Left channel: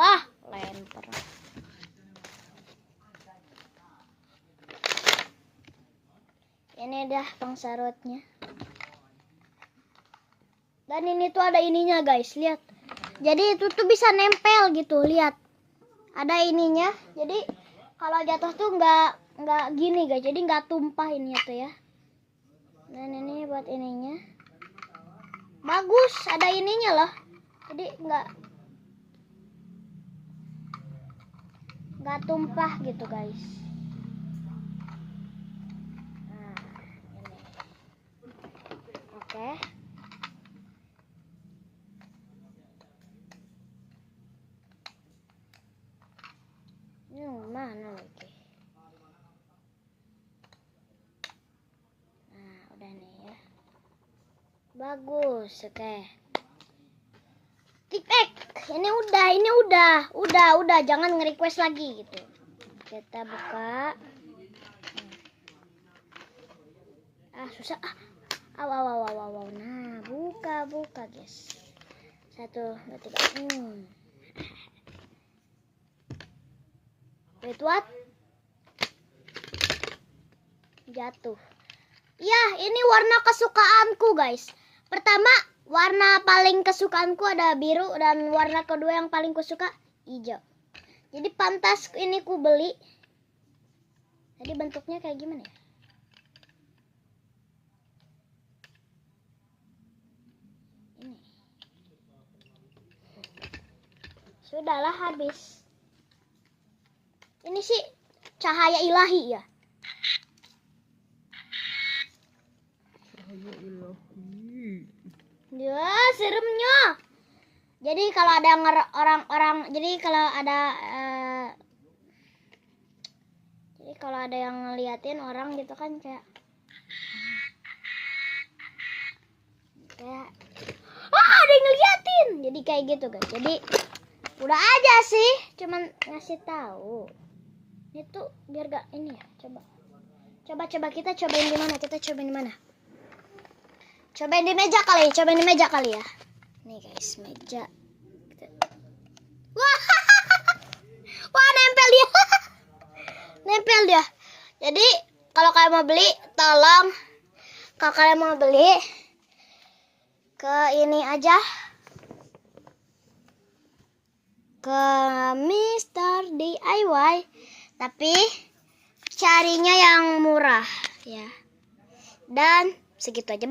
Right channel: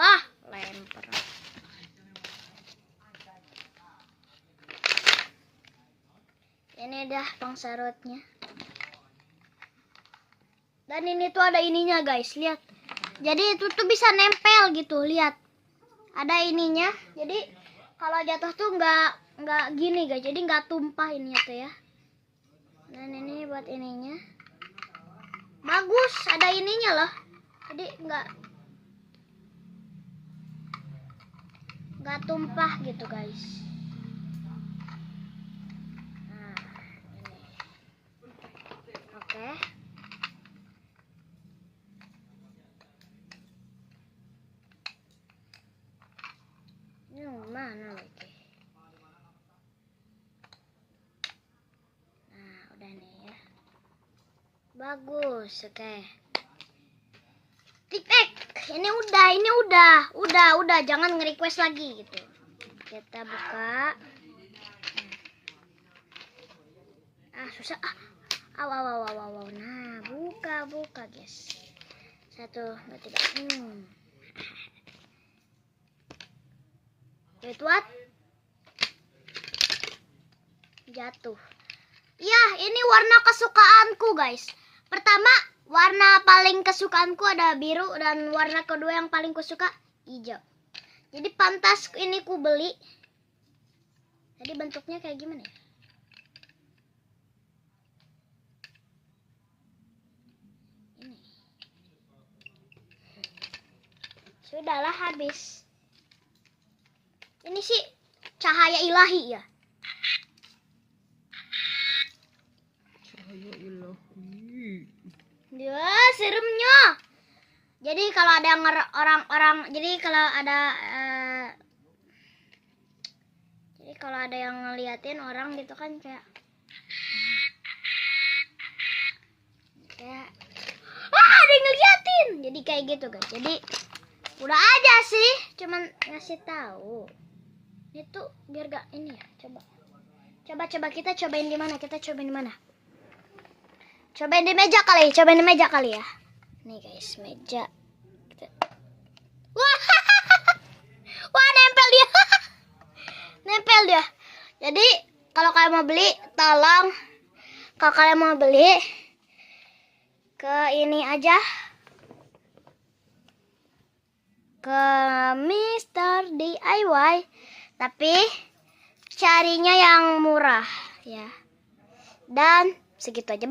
Wah, lempar. Ini dah pangsarutnya. Dan ini tuh ada ininya guys, lihat. Jadi itu tuh bisa nempel gitu, lihat. Ada ininya. Jadi kalau jatuh tuh nggak gini guys. Jadi nggak tumpah ininya tuh ya. Dan ini buat ininya. Bagus, ada ininya loh. Jadi nggak tumpah gitu guys. Nah, ini. Oke. Ini mana lagi? Nah, udah nih ya. Bagus, oke. Tiktek, ini udah, jangan nge-request lagi gitu. Kita buka. Susah. Aw. Nah, buka guys. 1, 2, 3. Wait, what? Jatuh. Ya, ini warna kesukaanku guys. Pertama, warna paling kesukaanku ada biru, dan warna kedua yang paling kusuka hijau. Jadi pantas ini ku beli. Tadi bentuknya kayak gimana ya? Ini. Sudahlah, habis. Ini sih cahaya ilahi ya. Cahaya ilahi. Ya, seremnya. Jadi kalau ada orang-orang, jadi kalau ada yang ngeliatin orang gitu kan kayak ada yang ngeliatin. Jadi kayak gitu guys. Jadi udah aja sih, cuman ngasih tahu. Itu biar gak ini ya. Coba kita cobain di mana? Cobain di meja kali ya. Nih guys, meja. Wah, nempel dia. Jadi kalau kalian mau beli, tolong kalau kalian mau beli ke ini aja, ke Mr. DIY, tapi carinya yang murah ya. Dan segitu aja.